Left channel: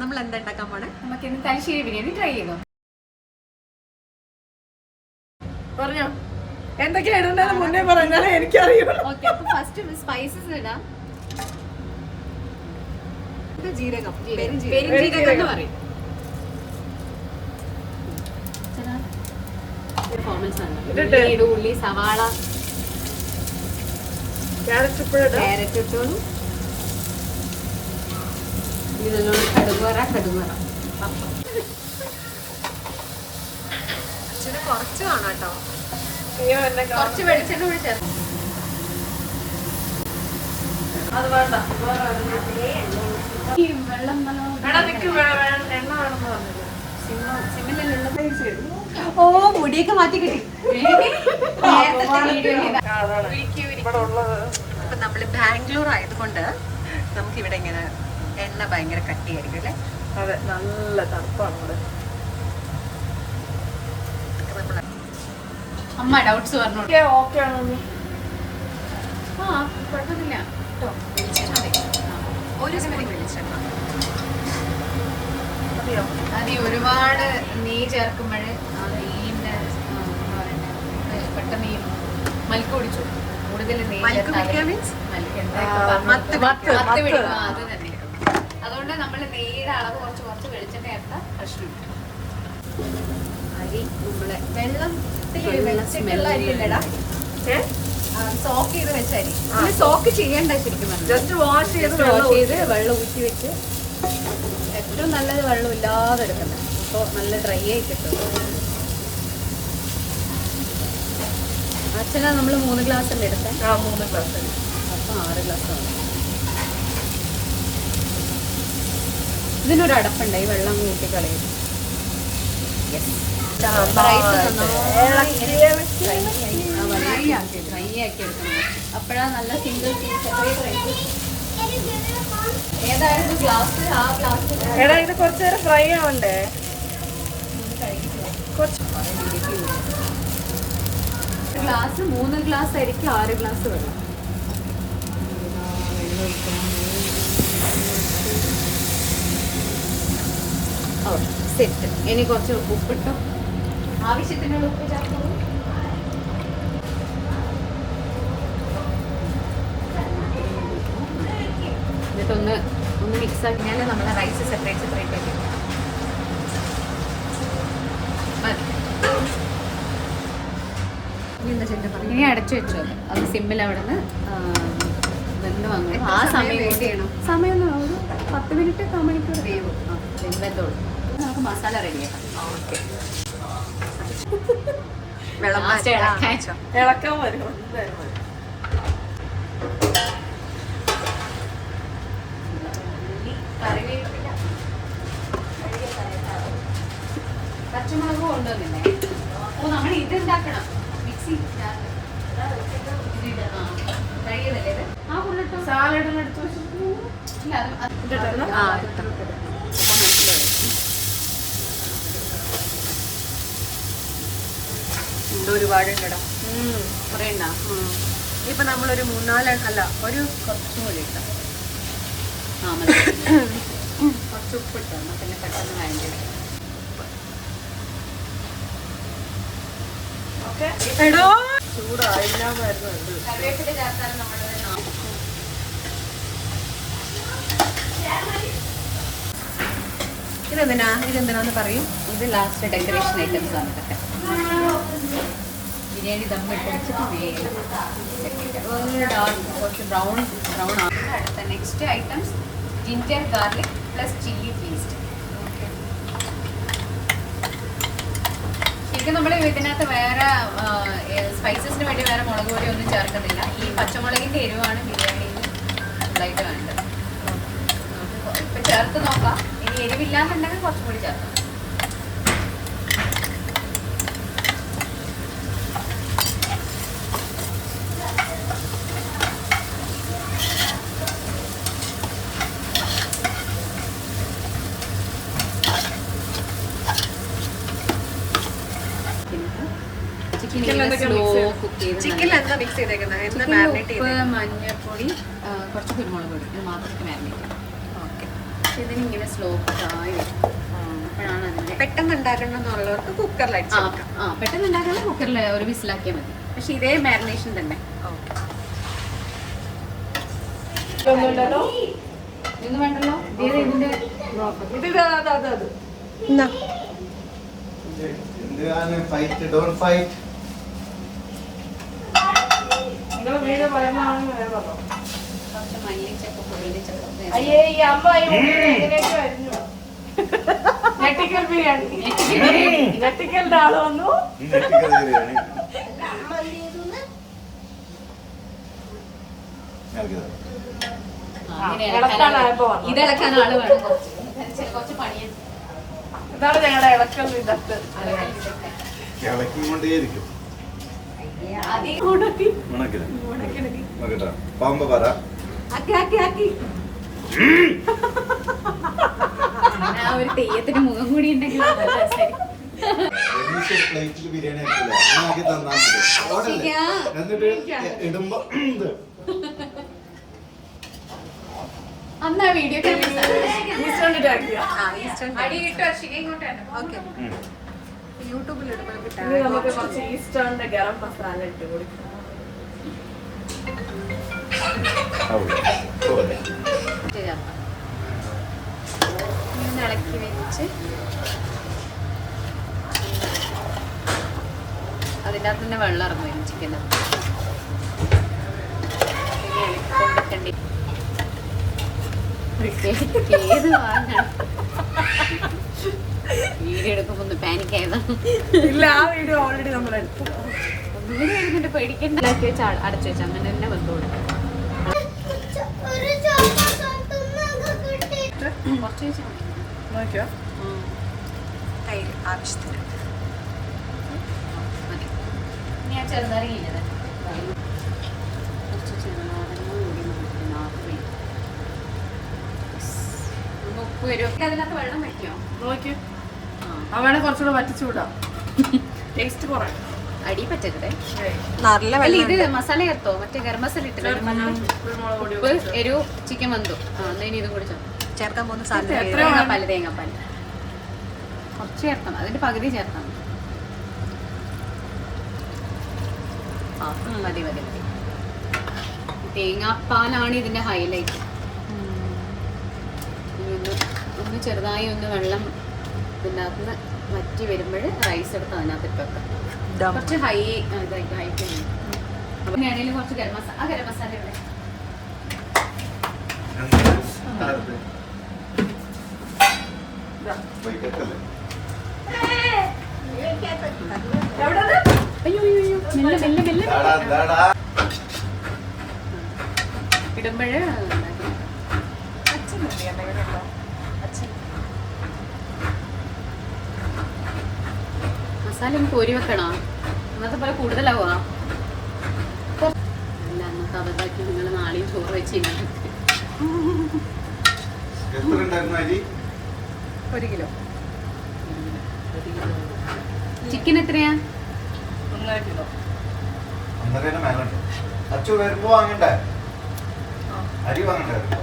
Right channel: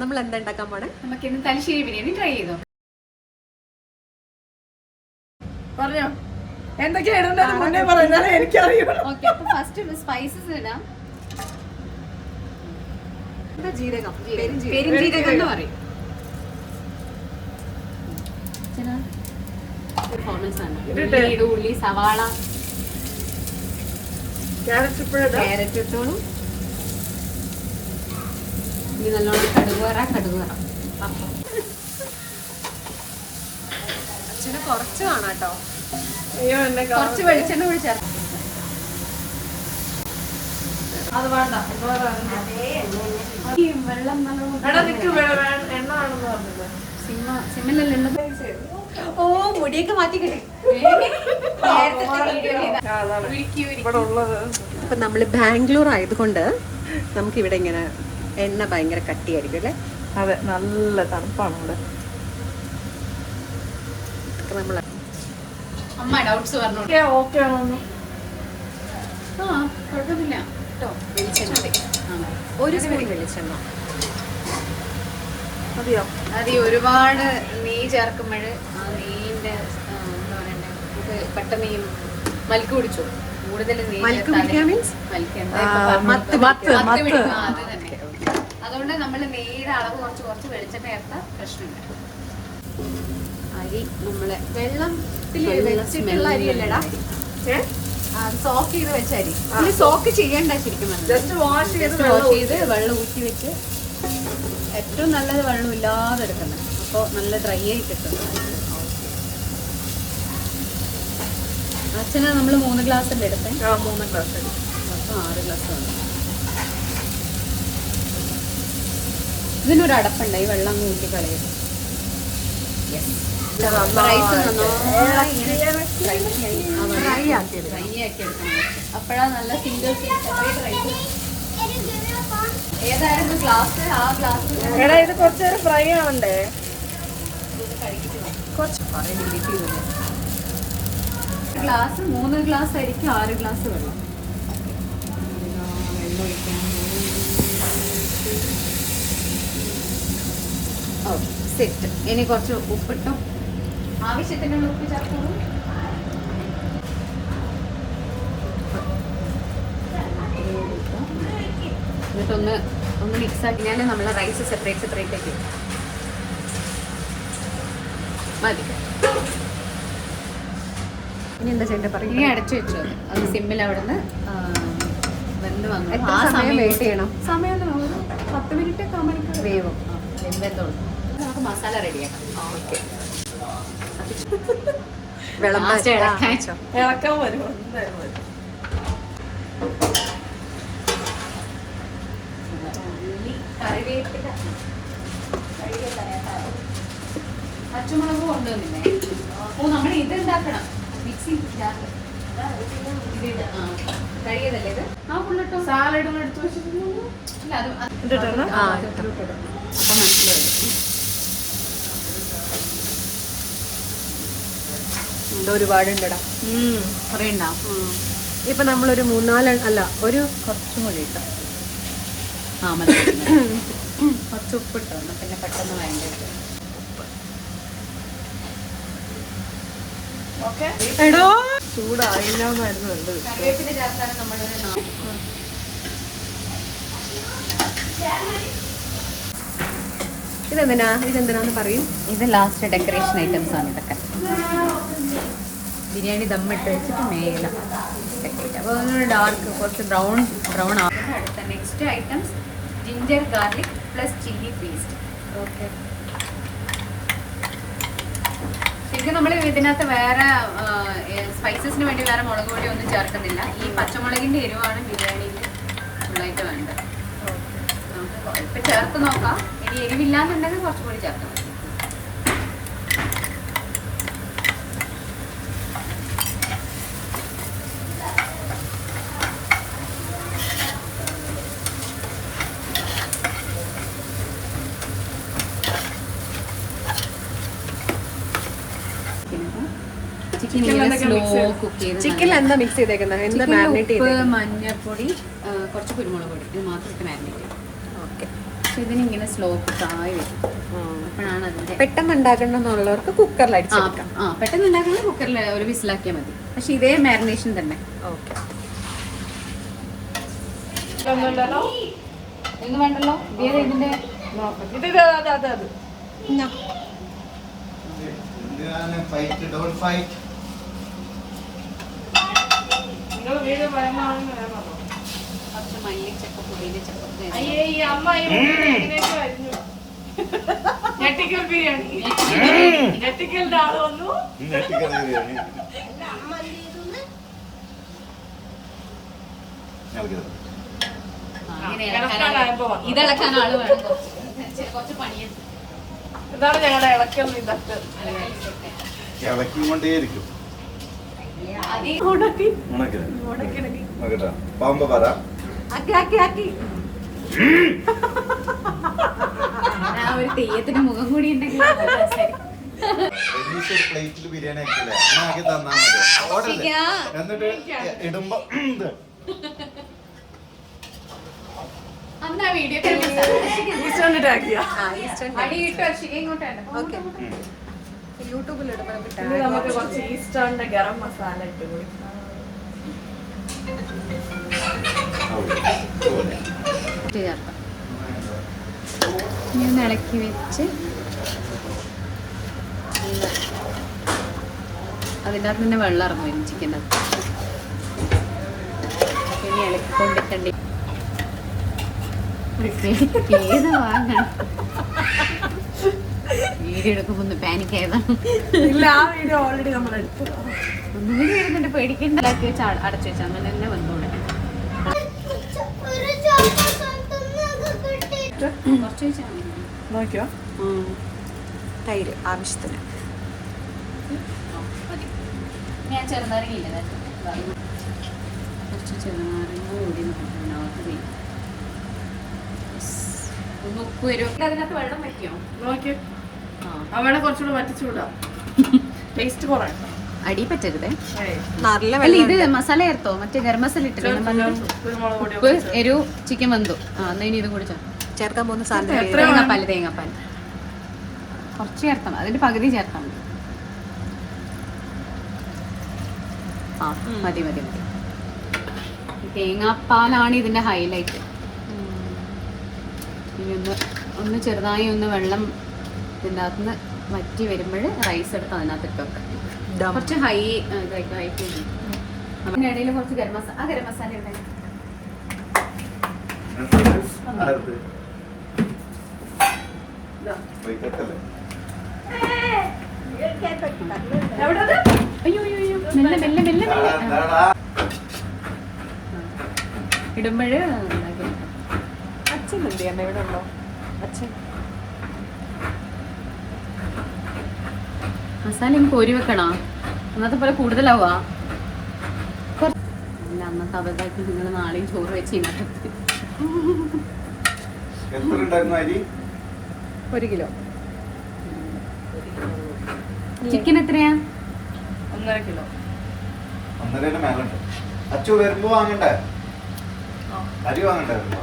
നമ്മൾ എന്താ ഉണ്ടാക്കാൻ പോണേ? നമുക്ക് ഇന്ന് തലശ്ശേരി ബിരിയാണി ട്രൈ ചെയ്തോ. പറഞ്ഞോ എന്തൊക്കെയാണ് മുന്നേ പറഞ്ഞാലേ എനിക്കറിയാം. ഓക്കെ, അപ്പൊ ഫസ്റ്റ് സ്പൈസസ് ഇടാം. ജീരകം, പെരുംജീരകം എന്ന് പറയും. ഉള്ളി, സവാള, ക്യാരറ്റ് ഇട്ടോളൂ. ഇനി നല്ലോണം കടുകുവറ. അച്ഛന് കുറച്ച് കാണാം കേട്ടോ. കുറച്ച് വെളിച്ചെണ്ണ കൂടി ചേർത്ത്. അത് വേണ്ട, വെള്ളം എണ്ണ വേണമെന്ന് പറഞ്ഞില്ല. ഓ, മുടിയൊക്കെ മാറ്റി കിട്ടി. അപ്പൊ നമ്മള് ബാംഗ്ലൂർ ആയതുകൊണ്ട് നമുക്ക് ഇവിടെ ഇങ്ങനെ എണ്ണ ഭയങ്കര കട്ടിയായിരിക്കും അല്ലേ? അതെ, നല്ല തണുപ്പാണ്. നമ്മള് അമ്മ ഡൗട്ട്സ് പറഞ്ഞു. ഓക്കെ ആണെന്ന്. ആ, കുഴപ്പമൊന്നുമില്ല കേട്ടോ. വെളിച്ചെണ്ണ, ഒരു സ്പൂൺ വെളിച്ചെണ്ണ. അത് ഒരുപാട് നെയ്യ് ചേർക്കുമ്പോൾ ആ നെയ്യിന്റെ എന്താ പറയണ്ടേ, നമുക്ക് പെട്ടെന്ന് ഈ മൽക്ക് പിടിച്ചു. കൂടുതൽ നെയ്യ് ചേർത്താൽ മൽക്ക് എന്താ ഇപ്പൊ മത്ത് പിടിക്കും. അത് തന്നെ. അതുകൊണ്ട് നമ്മൾ നെയ്യുടെ അളവ് കുറച്ച് വെളിച്ചെണ്ണ ചേർത്താൽ പ്രശ്നമില്ല. അരി നമ്മളെ വെള്ളത്തിൽ അരിയല്ലടാ, സോക്ക് ചെയ്ത് വെച്ച അരി. സോക്ക് ചെയ്യണ്ട, ശരിക്കും ജസ്റ്റ് വാഷ് ചെയ്ത് വെള്ളം ഊറ്റി വെച്ച്. ഏറ്റവും നല്ലത് വെള്ളം ഇല്ലാതെ എടുക്കണം. അപ്പോൾ നല്ല ഡ്രൈ ആയി കിട്ടും. അച്ഛനാ നമ്മൾ 3 ഗ്ലാസ് അല്ലേ എടുത്തേ? 3 ഗ്ലാസ്. അപ്പം 6 ഗ്ലാസ് വേണം. ഇതിനൊരു അടപ്പുണ്ട്, ഈ വെള്ളം അങ്ങ് ഊറ്റി കളയും. ഡ്രൈ ആക്കി എടുക്കണം. അപ്പോഴാണ് നല്ല സിംഗിൾ പീസ് റൈസ്. ഏതായിരുന്നു ഗ്ലാസ്? ആ ഗ്ലാസ്. എടാ, ഇത് കുറച്ചു നേരം ഫ്രൈ ആവണ്ടേ? ഗ്ലാസ് 3 ഗ്ലാസ് ആയിരിക്കും 6 ഗ്ലാസ് വെള്ളം. ഓ, സെറ്റ്. ഇനി കുറച്ച് ഉപ്പിട്ടു. ആവശ്യത്തിനുള്ള ഉപ്പ് ചേർക്കുന്നു. എന്നിട്ടൊന്ന് മിക്സ് ആക്കിയാൽ നമ്മുടെ റൈസ് സെപ്പറേറ്റ് ആക്കി മതി. ഇനി അടച്ചു വെച്ചോ. അത് സിമ്മിൽ അവിടെ നിന്ന് ആ സമയം വെയിറ്റ് ചെയ്യണം. സമയം 10 മിനിറ്റ് മണിക്കൂർ വേവും. നമുക്ക് മസാല റെഡിയാക്കാം. ഓക്കെ, വിളമ്പാൻ ഇളക്കാൻ വരുമോ? പച്ചമുളക് കൊണ്ടുവന്നില്ലേ? ഓ, നമ്മൾ ഇത് ഉണ്ടാക്കണം. മിക്സി സാലഡ് എടുത്ത് വെച്ചിട്ടുണ്ടോ? ഒരുപാടുണ്ടടാ. ഇപ്പൊ നമ്മളൊരു 3-4 അല്ല, ഒരു കുറച്ചും കൂടി ഇട്ടാം. കുറച്ച് ഉപ്പിട്ടോ, പിന്നെ പെട്ടെന്ന് വേണ്ട. എടോ, ചൂടായിരുന്നു. കറിവേപ്പില ചേർത്താലും നമ്മുടെ ഇതെന്തിനാന്ന് പറയും. ഇത് ലാസ്റ്റ് ഡെക്കറേഷൻ ഐറ്റംസ് ആണ് ഇതൊക്കെ. ബിരിയാണി ദമ്മിട്ട് വെച്ചിട്ട് മേലെ ഡാർക്ക് കുറച്ച് ബ്രൗൺ ആണ്. അടുത്ത next items ginger garlic plus chilli paste. ശരിക്കും നമ്മൾ ഇതിനകത്ത് വേറെ സ്പൈസസിന് വേണ്ടി വേറെ മുളക് പൊടി ഒന്നും ചേർക്കുന്നില്ല. ഈ പച്ചമുളകിൻ്റെ എരിവാണ് ബിരിയാണിയിൽ ഫുള്ളായിട്ട് വേണ്ടത്. നമുക്ക് ഇപ്പം ചേർത്ത് നോക്കാം. ഇനി എരിവില്ലാന്നുണ്ടെങ്കിൽ കുറച്ചുകൂടി ചേർക്കാം. ചിക്കൻ എന്താ മിക്സ് ചെയ്തേക്കുന്നത്? എന്താ മാരിനേറ്റ് ചെയ്തത്? മഞ്ഞൾപ്പൊടി, കുറച്ച് കുരുമുളക് പൊടി ഇത് മാത്രം ഇട്ട് മാരിനേറ്റ് ചെയ്യും. ഓക്കെ. ഇതിനിങ്ങനെ സ്ലോ കുക്കായി വരും. അപ്പോഴാണ് അതിൻ്റെ പെട്ടെന്ന് ഉണ്ടാക്കണമെന്നുള്ളവർക്ക് കുക്കറിൽ അടിച്ചെടുക്കാം. പെട്ടെന്ന് ഉണ്ടാക്കുന്ന കുക്കറിൽ ഒരു വിസിലാക്കിയാൽ മതി. പക്ഷെ ഇതേ മാരിനേഷൻ തന്നെ. ഓക്കെ. ഇതൊന്നുമില്ലല്ലോ. ഇതൊന്നും വേണ്ടല്ലോ. വേറെ ഇതിന്റെ അത് എന്നാ നിങ്ങൾ വീട് വരുന്നതാണെന്ന് ഞാൻ പറഞ്ഞു. കുറച്ച് മല്ലിച്ചപ്പ് പുതിനച്ചപ്പ് അയ്യേ ഈ അമ്മ ഈ വീട് എങ്ങനെയൊക്കെ വരുന്നു. ഞെട്ടിക്കൽ ബിരിയാണി. ഞെട്ടിക്കലിന്റെ ആള് വന്നു. ഇത് ഇളക്കാൻ ആള് വേണം. കുറച്ച് പണിയുണ്ട്. ഇതാണ് ഞങ്ങളുടെ ഇളക്കൽ ഇതൊക്കെ. ഇളക്കിക്കൊണ്ടേയിരിക്കും. പാമ്പ പറ ഒരു തെയ്യത്തിന് മുഖം കൂടി ഉണ്ടെങ്കിൽ പ്ലേറ്റിൽ ബിരിയാണി ആക്കി തന്നാ മതി. എന്നിട്ട് ഇടുമ്പോ അന്നാ വീഡിയോ ഈസ്റ്റേണിട്ട് ആക്കിയോ? ഓക്കെ. യൂട്യൂബിൽ ഇനി നമുക്ക് കുറച്ച് ഈസ്റ്റേണിന്റെ ഗരം മസാല ഇട്ട് കൊടുക്കാം. ഇളക്കി വെച്ച് അതിൻ്റെ അകത്ത് തന്നെ വെള്ളം ഇറങ്ങി വരും ചിക്കൻ്റെ. ഇനി ഇളക്കിക്കൊണ്ടിട്ടണ്ടി ഏത് വാങ്ങണം. വീഡിയോ എടുക്കുമ്പോ പാനിക് ആയതാണ്. ഇല്ല, ആ വീഡിയോ ഓൾറെഡി നമ്മൾ എടുത്തു. ഒന്നുകൂടി വരുന്നുണ്ട്, പേടിക്കണ്ട. വെച്ച് അടച്ചു വെച്ചാൽ അങ്ങനെ തന്നെ വന്നുകൂടെ. കുറച്ച് വെച്ചാൽ നോക്കിയോ? തൈര് ആവശ്യത്തിന്. മതി. ഞാൻ ചെറുനാരങ്ങയില്ലേ, കുറച്ച് ചെറുനാരങ്ങ കൂടി ഉപ്പ് വരും. അതിനകത്ത് വെള്ളം വെക്കോ? നോക്കിയോ? അവളെ കുറച്ചുകൂടെ വറ്റിച്ചുവിടാം. ടേസ്റ്റ് കുറേ അടി പറ്റരുതേ. നല്ല അല്ല, വെള്ളം ഇത് മസാല ചേർത്തോ? മറ്റേ ഗരം മസാല ഇട്ടിട്ട് കുരുമുളക് പൊടി എരു ചിക്കൻ വെന്തു. അതിന് ഇത് കുടിച്ചോ. ചേർക്കാൻ പോകുന്ന സാധനം തേങ്ങാപ്പാല് തേങ്ങാപ്പാല് കുറച്ച് ചേർത്താൽ മതി. അതിന്റെ പകുതി ചേർത്താൽ മതി. മതി മതി. തേങ്ങാപ്പാലാണ് ഇതിന്റെ ഹൈലൈറ്റ്. ഒന്ന് ചെറുതായി ഒന്ന് വെള്ളം ഇതിൻ്റെ അകത്ത് വറ്റി വരുമ്പോൾ റൈസ് എടുത്ത് അതിനകത്ത് ഇട്ട് വെക്കാം. കുറച്ച് ഹൈ ഇതായിട്ട് ഹൈറ്റ് അതിനിടയിൽ കുറച്ച് ഗരം മസാല. ഗരം മസാല ഇവിടെ മെല്ലെ മെല്ലെ മെല്ലെ ഇടുമ്പോഴേ അച്ഛനുണ്ട് ഇവിടെ ഉണ്ടോ? അച്ഛൻ മസാല എനിക്ക് ഒരു വെക്കണം. അന്നത്തെ പോലെ കൂടുതലാവുക. അല്ല, അന്നത്തെ അബദ്ധാക്കി നിങ്ങൾ നാളെയും ചോറ് വെച്ചിരിക്കും. 1 കിലോ. ചിക്കൻ എത്രയാ? 1.5 കിലോ. 1.5 മേലുണ്ടോ? അച്ചു വരുമ്പോ വാങ്ങണ്ടേ? അരി വാങ്ങണ്ടായിരുന്നോ?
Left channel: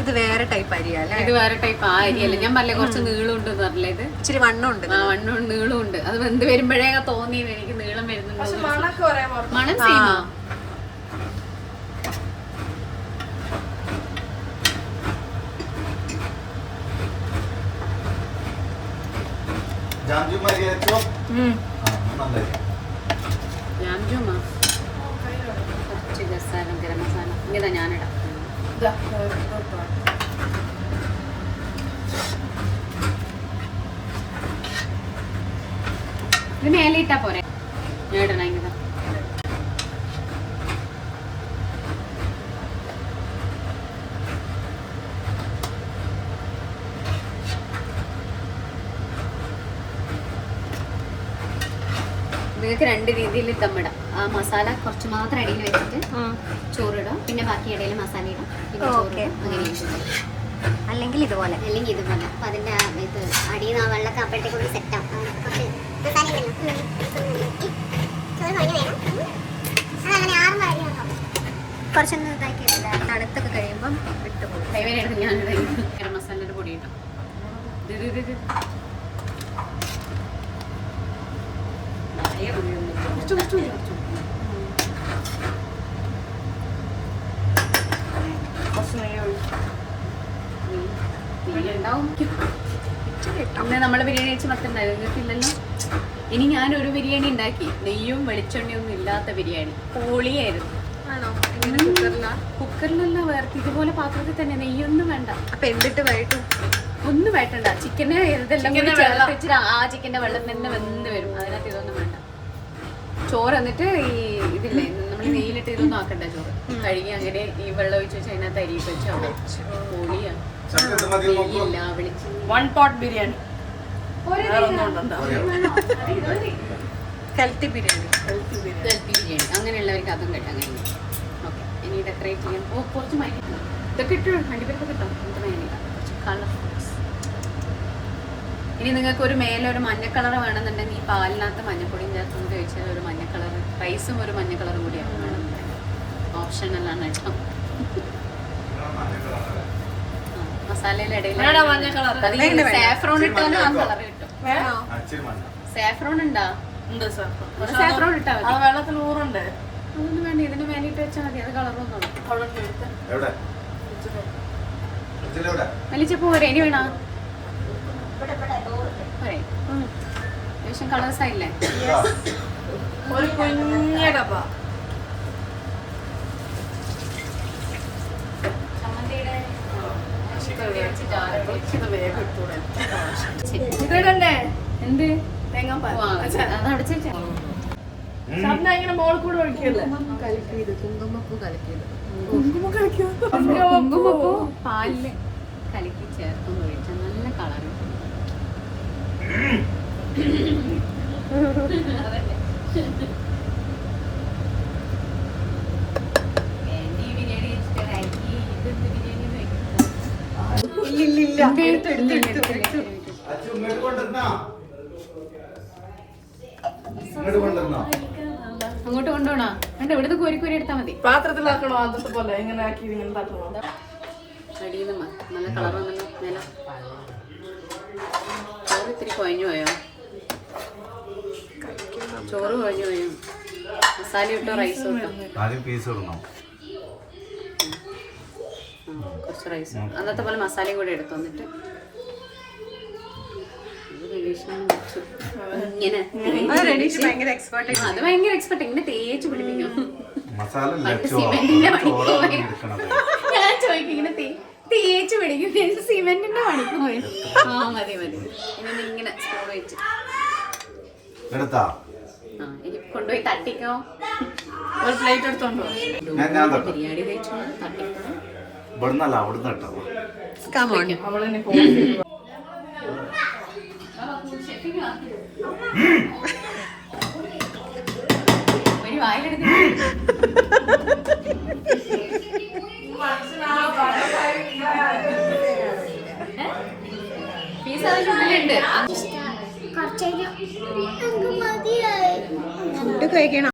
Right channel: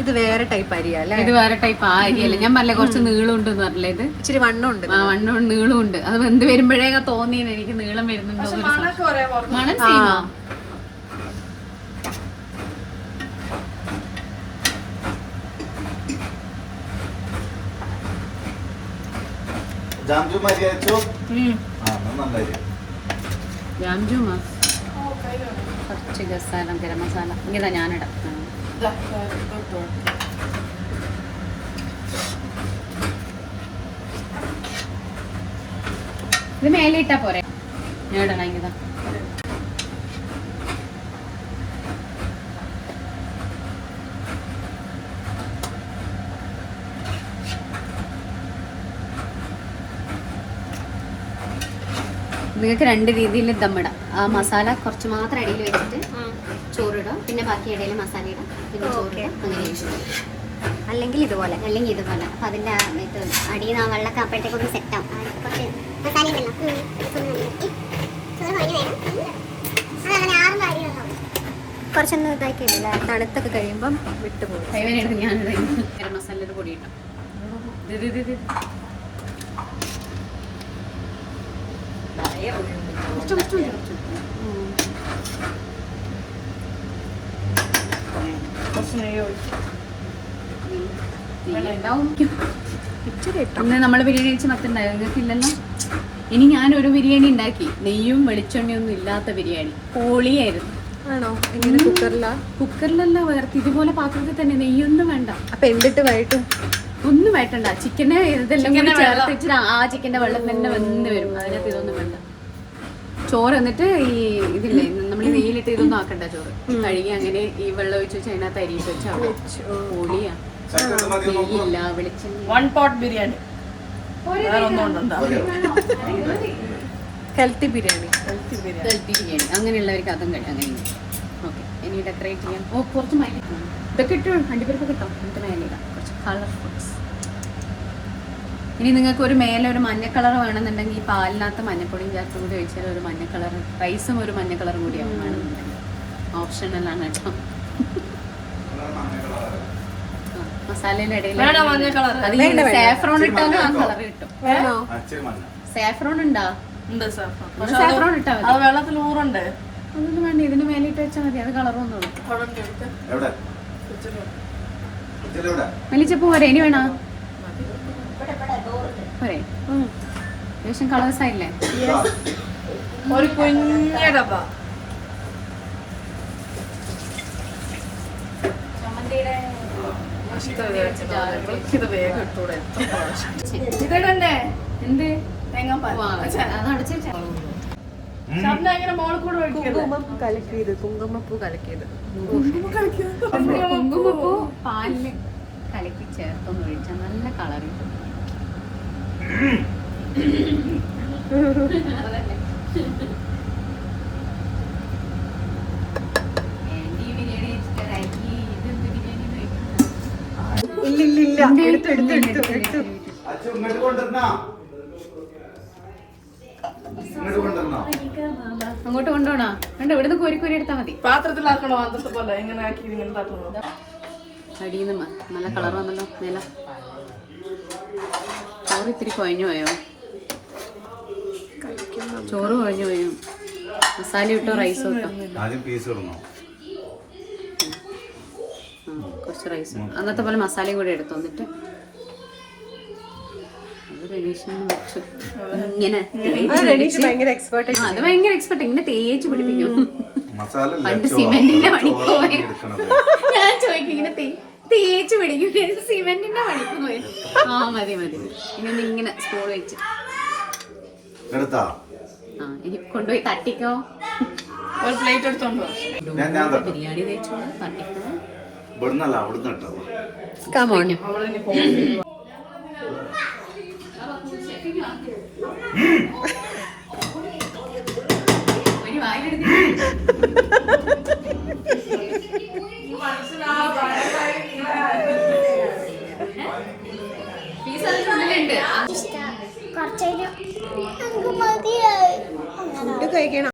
ഇത് വേറെ ടൈപ്പ് അരിയാ അല്ലേ? ഇത് വേറെ ടൈപ്പ് ആ അരിയല്ല. ഞാൻ പറഞ്ഞ കുറച്ച് നീളം ഉണ്ട് പറഞ്ഞില്ലേ. ഇത് ഇച്ചിരി വണ്ണം ഉണ്ട്. വണ്ണം നീളം ഉണ്ട്. അത് വെന്ത് വരുമ്പോഴേ തോന്നിയത് എനിക്ക് നീളം വരുന്നുണ്ട്. പക്ഷെ മണമൊക്കെ ഒരേ പോലെ. മണം സെയിമാ. ജാംജു മരി അച്ചു. നല്ല ജാംജുമാ കുറച്ച് മസാല ഗരം മസാല ഇങ്ങനെ ഞാനിടാം. ഇത് മേലെ ഇട്ടാ പോരെ? ഇടണം ഇങ്ങനെ. നിങ്ങൾക്ക് 2 രീതിയിൽ ദമ്മിടാം. ആ മസാല കുറച്ച് മാത്രം ഇടയിൽ വെച്ചിട്ട് ചോറിടാം, പിന്നെ ബാക്കി ഇടയിൽ മസാല ഇടാം, പിന്നെ ചോറിടാം. അങ്ങനെ അല്ലെങ്കിൽ ഇതുപോലെ അപ്പൊ അതിന്റെ ഇത് അടിയിൽ നിന്ന് വെള്ളമൊക്കെ അപ്പോഴത്തേക്കൊന്ന് സെറ്റ് ആവും. കുറച്ച് മസാല കുറച്ചൊന്നും ഇതാക്കിയില്ല. തണുത്തൊക്കെ കഴിയുമ്പം വിട്ടുപോകും. കൈവേനെടുത്ത് ഞാൻ ഗരം മസാലയുടെ പൊടി ഇട്ടോ. ഇന്ന് നമ്മള് ബിരിയാണി കഴിച്ച് മറ്റുണ്ടായിരുന്നു, നിങ്ങൾക്കില്ലല്ലോ. ഇനി ഞാനൊരു ബിരിയാണി ഉണ്ടാക്കി, നെയ്യും വെളിച്ചെണ്ണയൊന്നും ഇല്ലാത്ത ബിരിയാണി. പൊളിയായിരുന്നു. ആണോ? ഇങ്ങനെ കുക്കറിലാ? കുക്കറിലല്ല, വേർത്ത് ഇതുപോലെ പാത്രത്തിൽ തന്നെ, നെയ്യൊന്നും വേണ്ട. അപ്പൊ എന്തിട്ട് വഴറ്റും? ഒന്നും വേട്ടണ്ട. ചിക്കനെ ഇതെല്ലാം കൂടി ചേർത്ത് വെച്ചിട്ട് ആ ചിക്കന്റെ വെള്ളം തന്നെ വെന്ത് വരും. അതിനകത്ത് ഇതൊന്നും വേണ്ട. ചോറ് എന്നിട്ട് ഈ ഇതില്ലേ നമ്മൾ നെയ്യിലിട്ട് ഇതൊന്നും ആക്കണ്ട. ചോറ് കഴുകി അങ്ങനെ ഈ വെള്ളം ഒഴിച്ച് വെച്ച് അതിനകത്ത് അരി വെച്ചാൽ പൊളിയാ. നെയ്യില്ല, വെളിച്ചെണ്ണ. 1 pot ബിരിയാണി. ഹെൽത്തി ബിരിയാണി. ബിരിയാണി അങ്ങനെയുള്ളവർക്ക് അതും കേട്ടാ കഴിഞ്ഞു. ഓക്കെ, ഇനി ഡെക്കറേറ്റ് ചെയ്യാൻ കുറച്ച് മാറ്റി ഇതൊക്കെ ഇട്ടു. അണ്ടിപ്പരിപ്പ് കിട്ടും. കുറച്ച് കളർഫുൾസ്. ഇനി നിങ്ങൾക്ക് ഒരു മേലെ ഒരു മഞ്ഞ കളർ വേണമെന്നുണ്ടെങ്കിൽ ഈ പാലിനകത്ത് മഞ്ഞപ്പൊടിയും ചേർത്ത് കൂടി ഒഴിച്ചാൽ ഒരു മഞ്ഞ കളർ, റൈസും ഒരു മഞ്ഞ കളർ കൂടിയാണ്. ഓപ്ഷൻ എല്ലാം കേട്ടോ. മസാലയുടെ ഇടയിൽ സാഫ്രോൺ ഇട്ടാലും ആ കളർ കിട്ടും. സാഫ്രോൺ ഉണ്ടോ? സാഫ്രോൺ ഇട്ടാ മതി. അത് വെള്ളത്തിൽ ഊറുണ്ട്. ഒന്നും വേണ്ട, ഇതിന് വേണ്ടിയിട്ട് വെച്ചാൽ മതി. അത് കളറൊന്നും വലിച്ചപ്പോ പോരെ? ഇനി വേണോ? പോരെ? ഏകദേശം കളേഴ്സ് ആയില്ലേ? ഒരു കുഞ്ഞ ഡബ്ബ. ഇതന്നെ എന്ത് തേങ്ങാപ്പാൽ. അതടച്ചു ശബ്ദം എങ്ങനെ മോളിൽ കൂടെ ഒഴിക്കരുത്. കുങ്കുമം കലക്കിയത്, കുങ്കുമപ്പൂ കലക്കിയത്. കുങ്കുമപ്പൂ പാലില് കലക്കി ചേർത്തൊന്ന് ഒഴിച്ചാൽ നല്ല കളർ. ഇല്ലില്ല, എടുത്തു. അങ്ങോട്ട് കൊണ്ടുപോണോ? കണ്ട ഇവിടുന്ന് കോരി കോരി എടുത്താൽ മതി. പാത്രത്തിലാക്കണോ? അതൊക്കെ പോലെ എങ്ങനെ ആക്കി ഇങ്ങനെ തട്ടണോ? അടിയിൽ നിന്ന് നല്ല കളർ വന്നല്ലോ. നില ചോറ് ഇത്തിരി കുഴഞ്ഞു പോയോ? ചോറ് കുഴഞ്ഞു പോയോ? മസാല ഇട്ടോ റൈസ് ഇട്ടോ? കുറച്ച് റൈസ് അന്നത്തെ പോലെ മസാലയും കൂടെ എടുത്തു വന്നിട്ട് ഇങ്ങനെ ഭയങ്കര എക്സ്പേർട്ട്. അത് ഭയങ്കര എക്സ്പെർട്ട്. ഇങ്ങനെ തേച്ച് പിടിപ്പിക്കും. മസാല സിമെന്റിന്റെ പണിക്ക് ഞാൻ ചോദിക്കും, ഇങ്ങനെ തേച്ച് പിടിക്കും. സിമെന്റിന്റെ പണിക്ക് പോയി. ആ മതി ഇങ്ങനെ ഇങ്ങനെ സ്പൂൺ വെച്ച് ഇനി കൊണ്ടുപോയി തട്ടിക്കോ. ഒരു പ്ലേറ്റ് എടുത്തോണ്ടോ? ബിരിയാണി തേച്ചോ തട്ടിക്കോ. ഇവിടുന്നല്ല, അവിടുന്ന് ഇട്ടോ. Come on. കുറച്ചേരം ഫുഡ് കഴിക്കണം.